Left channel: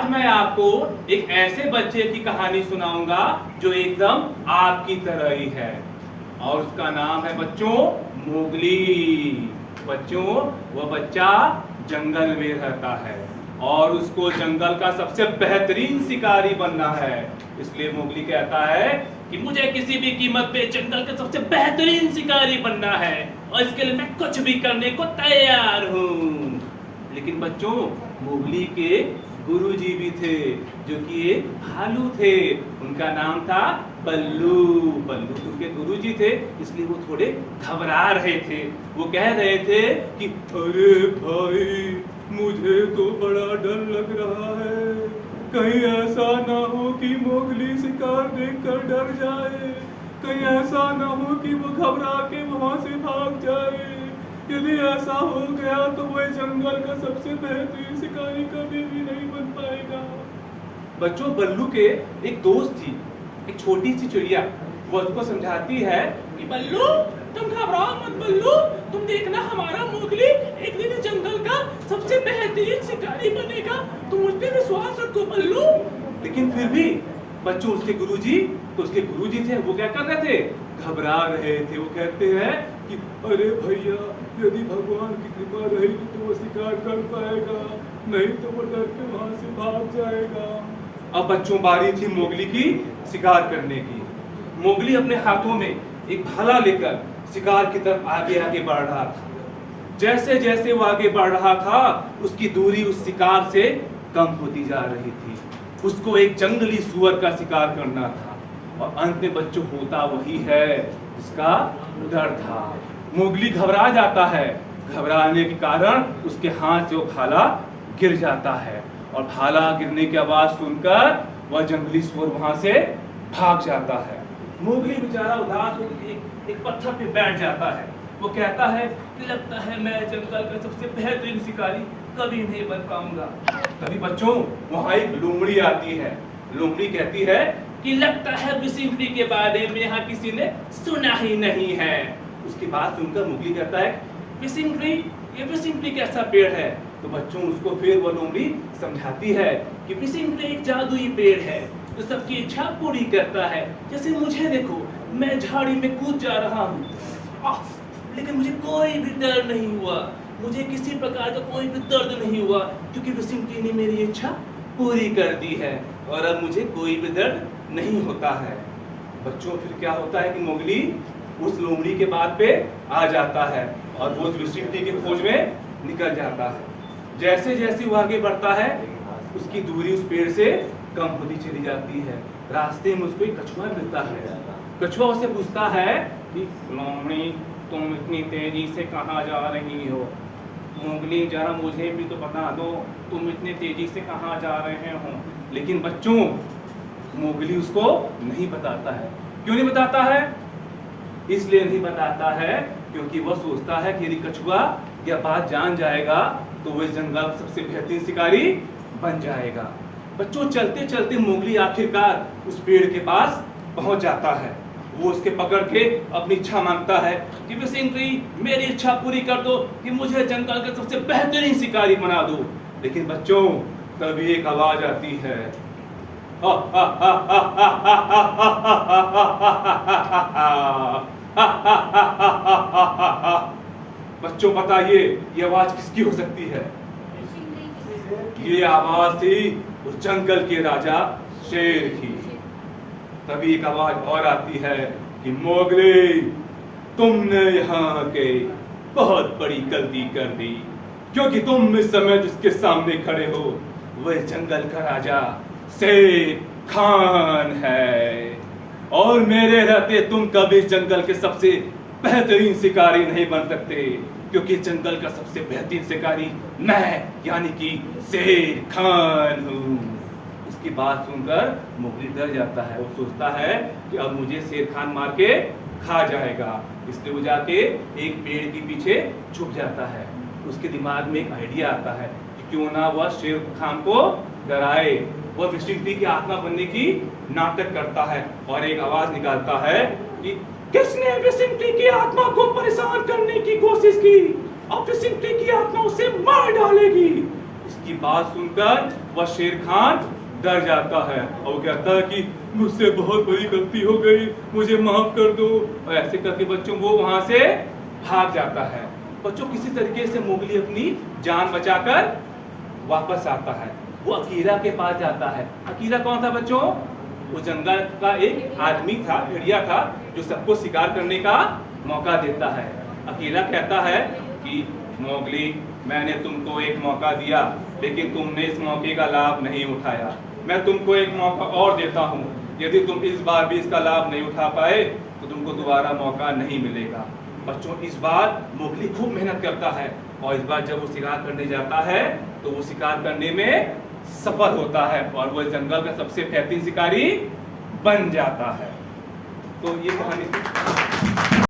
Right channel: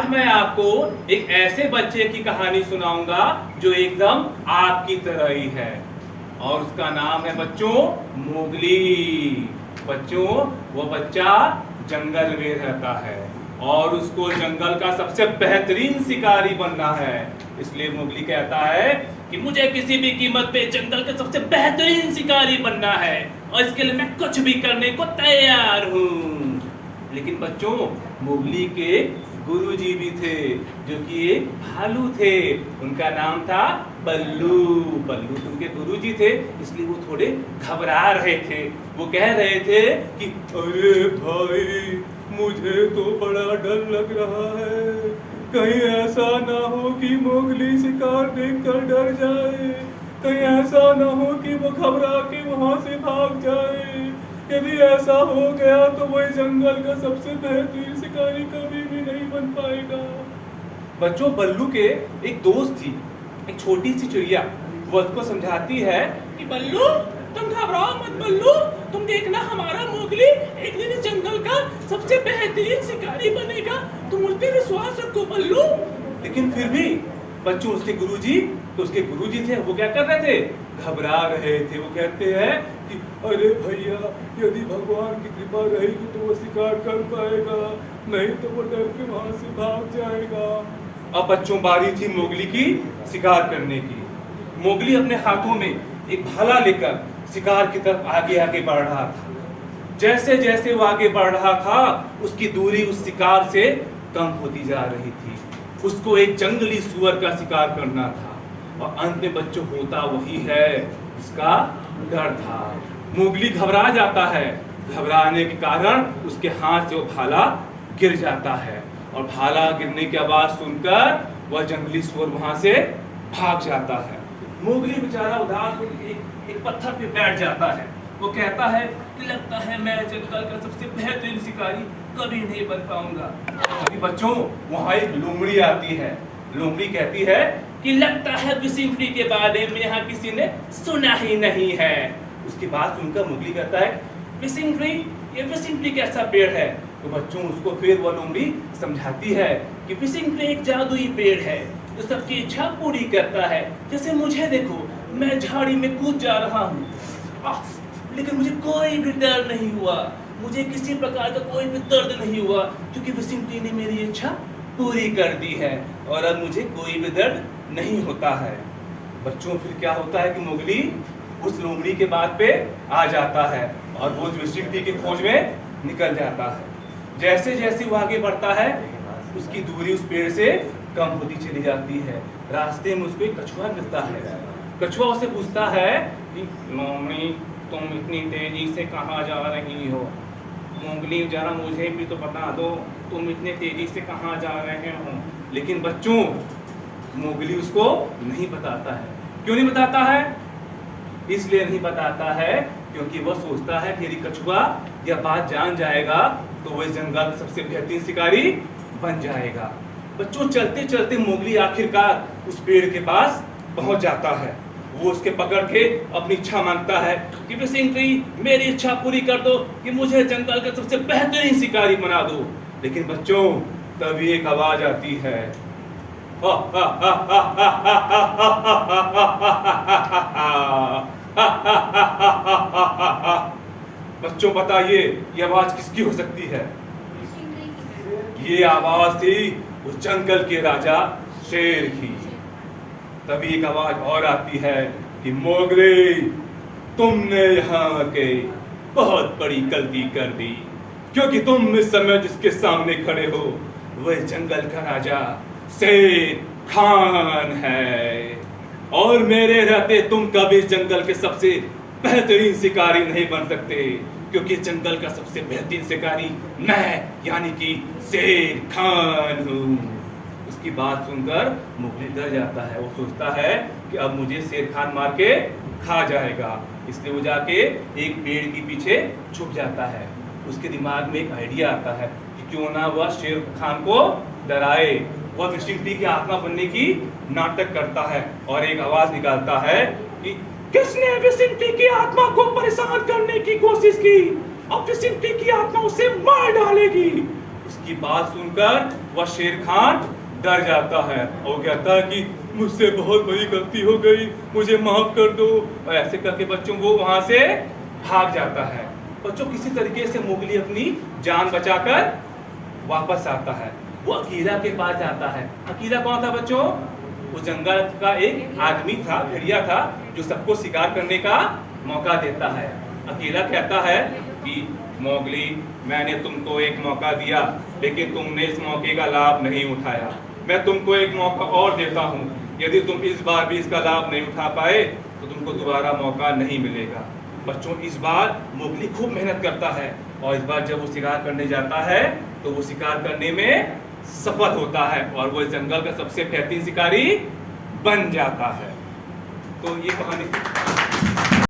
आज मैं आपको एक ऐसे बच्चे की कहानी सुनाऊंगा जो एकदम आपकी तरह ही है और उसका नाम है बच्चों मोगली। बच्चों वो बच्चा जंगल में रहता है और उसको जंगल का सबसे बेहतरीन शिकारी बनना है। इसलिए मोगली कहता है कि मुझे किसी भी कीमत पे जंगल का सबसे बेहतरीन शिकारी बनना है और इसके लिए मैं कुछ भी करने को तैयार हूँ। लेकिन बच्चों मोगली के गुरुजी भी थे जो कि एक भालू थे। उनका नाम था बल्लू। बल्लू उनके गुरुजी थे, इसलिए वो थोड़े घबरा रहे थे। वो कह रहे थे कि अरे भाई मुझे तो बड़ा डर लग रहा है, कहीं ऐसा ना हो कि मोगली शिकार देखकर डर जाए, कहीं ऐसा ना हो कि वो घबरा के वहां से भाग जाए। यदि ऐसा हो गया तो वह जंगल का सबसे बेहतरीन शिकारी कभी भी नहीं बन पाएगा। बच्चों बल्लू के एक दोस्त थी, एक छोटी सी चिड़िया। वो उसको समझाती है कि बल्लू तुम घबराओ मत बल्लू, तुम देखना हमारा मोगली एक दिन इस जंगल का सबसे बेहतरीन शिकारी बनेगा, तुम उस पर विश्वास रखो बल्लू। लेकिन फिर भी बच्चों उसके गुरुजी थे, वो क्या कर रहे थे? घबरा रहे थे। वो कहते हैं कि अरे भैया यदि भगवान की कृपा रहेगी तो वो शिकार कर पाएगा, नहीं तो वो डर के वहां से भाग जाएगा। अब बच्चों बारी थी मोगली की शिकार करने की। मोगली अपने हाथों में एक भाला लेकर शिकार की तरफ आगे आगे बढ़ रहा था। जैसे जैसे वो आगे बढ़ रहा था उसकी दूरी उस शिकार से कम होती जा रही थी। उसको एक जंगली सुअर का शिकार करना था और अंत में बच्चों होता वही है जिसका डर था। मोगली घबरा जाता है, घबराने के कारण उसके हाथ से वो भाला गिर जाता है और भाला गिरने की आवाज सुनकर वह जंगली सुअर वहां से भाग जाता है। मोगली बेचारा उदास होकर एक पत्थर पे बैठ जाता है। वो कहता है कि लगता है मैं जंगल का सबसे बेहतरीन शिकारी कभी नहीं बन पाऊंगा। अभी बच्चों वहां एक लोमड़ी आती है। लोमड़ी कहती है कि लगता है विसिंपली के बारे में यहाँ किसी ने सुना ही नहीं है। उसकी बात सुनकर मोगली कहता है विसिंपली, ये विसिंपली कैसा पेड़ है? तो बच्चों उसको फिर वो लोमड़ी समझाती है कि विसिंपली एक जादुई पेड़ है जो सबकी इच्छा पूरी करता है। जैसे मुझे देखो, मैं झाड़ी में कूद जा रहा हूँ लेकिन मुझे कोई भी डर नहीं हुआ, मुझे किसी प्रकार का कोई भी दर्द नहीं हुआ क्योंकि विसिंपली ने मेरी इच्छा पूरी कर दी है और अब मुझे कोई भी दर्द नहीं होता है। बच्चों फिर क्या होता है कि मोगली उस लोमड़ी के बात पे आ जाता है और वो विसिंपली की खोज में निकल जाता है। जैसे जैसे वो आगे बढ़ता है उसकी दूरी उस पेड़ से कम होती चली जाती है। रास्ते में उसको एक कछुआ मिलता है। कछुआ उसे पूछता है कि लोमड़ी तुम इतनी तेजी से कहाँ जा रही हो? मोगली जरा मुझे भी तो बता दो, तुम इतनी तेजी से कहाँ जा रहे हो? लेकिन बच्चों मोगली उसको नहीं बताता है। क्यों नहीं बताता है? इसलिए नहीं बताता है क्योंकि वह सोचता है कि यदि कछुआ यह बात जान जाएगा तो वह जंगल का सबसे बेहतरीन शिकारी बन जाएगा। बच्चों चलते चलते मोगली आखिरकार उस पेड़ के पास पहुंच जाता है। वो उसके पकड़ के अपनी इच्छा मांगता है कि विसिंपली मेरी इच्छा पूरी कर दो कि मुझे जंगल का सबसे बेहतरीन शिकारी बना दो। लेकिन बच्चों तभी एक आवाज आती है बच्चों बताइए ये आवाज किसकी हो सकती है? ये आवाज थी उस जंगल के राजा शेर की। तभी एक आवाज और आती है कि मोगली तुमने यहाँ के बहुत बड़ी गलती कर दी क्योंकि तुम इस समय जिसके सामने खड़े हो वह जंगल का राजा शेर खान है और मेरे रहते तुम कभी जंगल के सबसे बेहतरीन शिकारी नहीं बन सकते क्योंकि जंगल का सबसे बेहतरीन शिकारी मैं यानी कि शेर खान हूँ। उसकी बात सुनकर मोगली डर जाता है। वो सोचता है कि अब मुझे शेर खान मार के खा जाएगा, इसलिए वो जाके एक पेड़ के पीछे छुप जाता है। उसके दिमाग में एक आइडिया आता है कि क्यों ना वह शेर खान को डराए। वह विसिंपली की आत्मा बनने की नाटक करता है और एक आवाज निकालता है कि किसने विसिंपली की आत्मा को परेशान करने की कोशिश की, अब विसिंपली की आत्मा उसे मार डालेगी। इसकी इसकी बात सुनकर वह शेर खान डर जाता है और वो कहता है कि मुझसे बहुत बड़ी गलती हो गई, मुझे माफ कर दो। और ऐसे करके बच्चों वो वहां से भाग जाता है। बच्चों किसी तरीके से मोगली अपनी जान बचाकर वापस आता है। वो अकीला के पास जाता है। अकीला कौन था बच्चों? वो जंगल का एक आदमी था, भेड़िया था, जो सबको शिकार करने का मौका देता है। अकेला कहता है कि मोगली, मैंने तुमको एक मौका दिया लेकिन तुमने इस मौके का लाभ नहीं उठाया। मैं तुमको एक मौका और देता हूँ, यदि तुम इस बार भी इसका लाभ नहीं उठा पाए तो तुमको दोबारा मौका नहीं मिलेगा। बच्चों इस बार मोगली खूब मेहनत करता है और इस बार जब वो शिकार करने जाता है तो वो शिकार करने में सफल होता है और वो इस जंगल का सबसे बेहतरीन शिकारी बन जाता है। तो ये कहानी